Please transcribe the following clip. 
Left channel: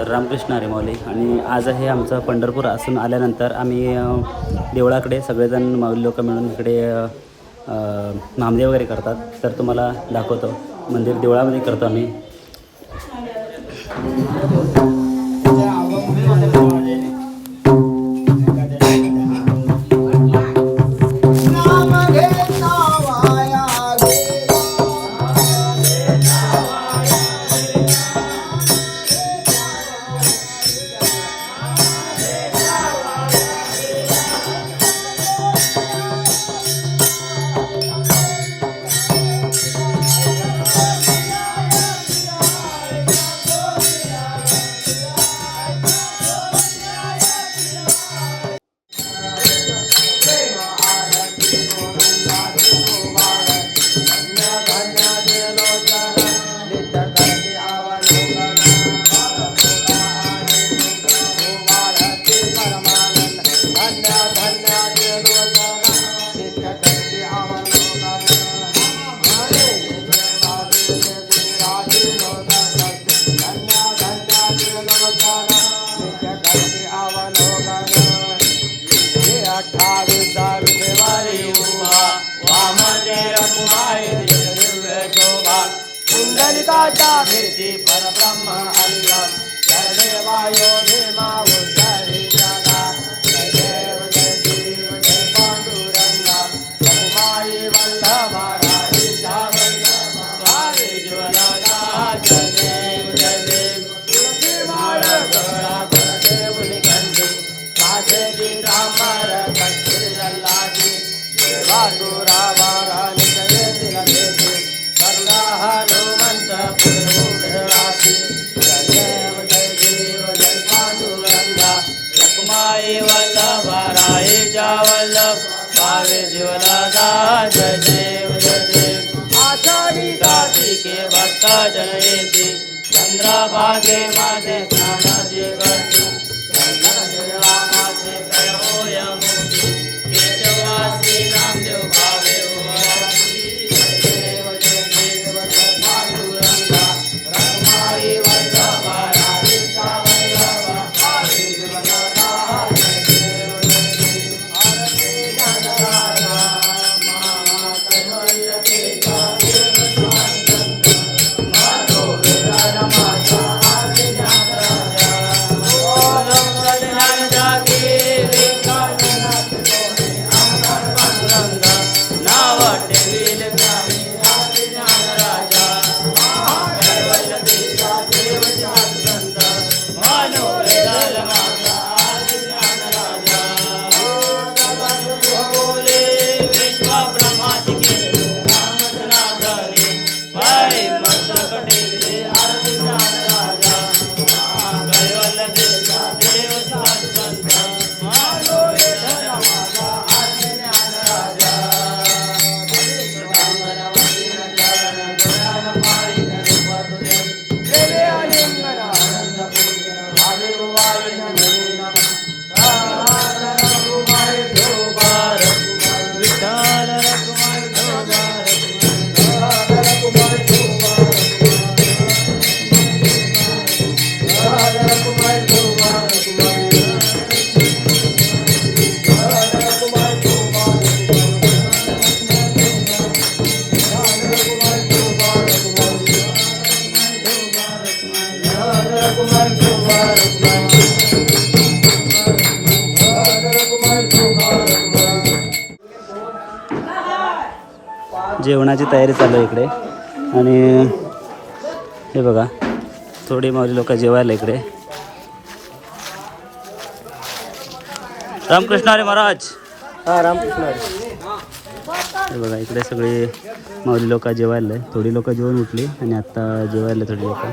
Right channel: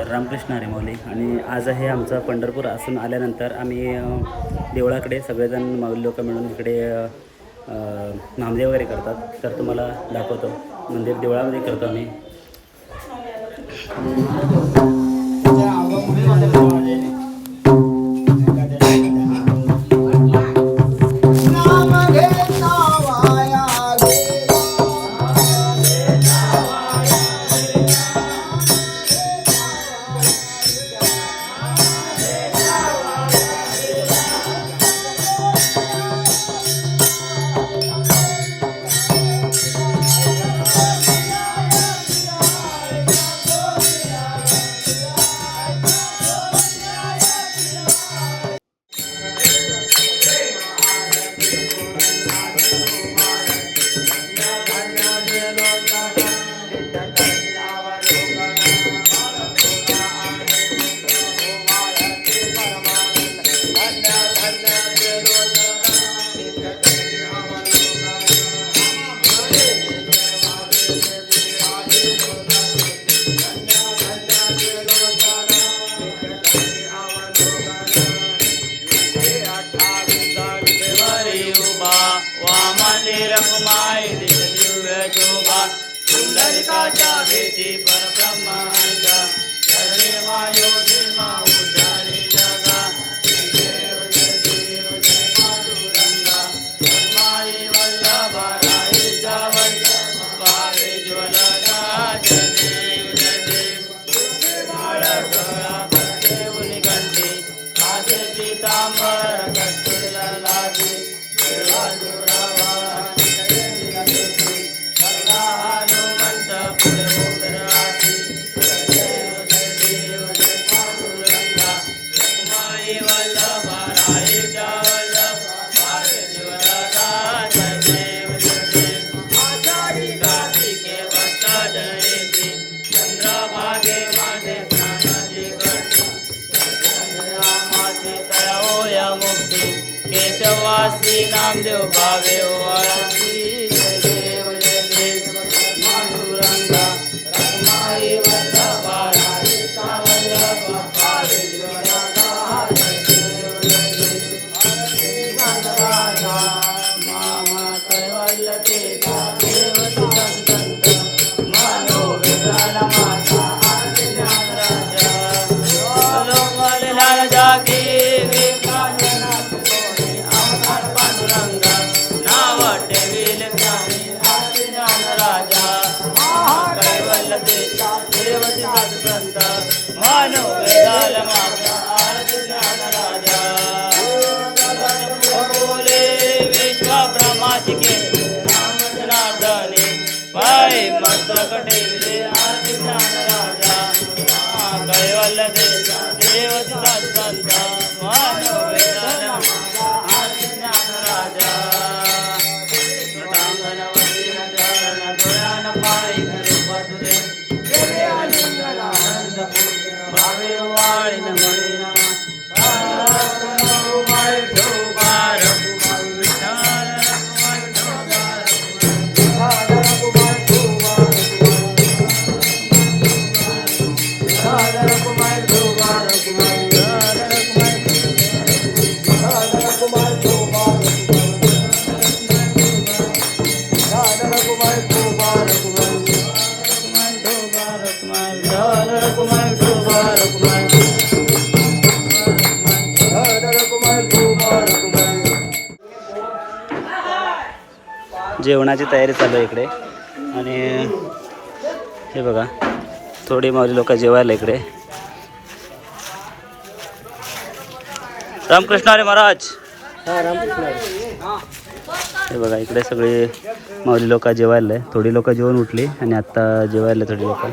तर रामकृष्ण हरी माऊली. आणि आज आहे आमचं पंढरपूर असून आल्यानंतर आम्ही देवळाकडे सगळेजण माऊली लोक मिळून इकडे नामदेव वगैरे करतात. तर तुम्हाला दाखवतो, मंदिर देवळामध्ये करतो आम्ही. भेटी परब्रह्म अंग चरणे वायो भीमा उद्धारी जगा जय देव जय पांडुरंगा परमाई वल्लभ राई वल्लभ भावे ज्वलगा जय देव माळ गळा देव निगंडी माझे दिगंबर कच्चे अल्लाजी बाजूरावा चंद्रभागे माझे ज्ञानाची गती माझे तळोय मुक्ती केशवासी नामदेव भावे वाटती देव देव पांडुरंगा रमाई वल्लभा राधिका वल्लभा भावे देव राजा मामा कैवल्य देवा जेवणाची तयारी चालू आहे इकडे. आणि हे बघा, थोडी माऊली लोक जेवायला इकडे. रामकृष्ण हरी महाराज. रामकृष्ण हरी. हे बघा, इकडे सगळे माऊली लोक जेवायला आहे. थोडी लोक जेवून उठली आणि आत्ता जेवायला थोडी लोक.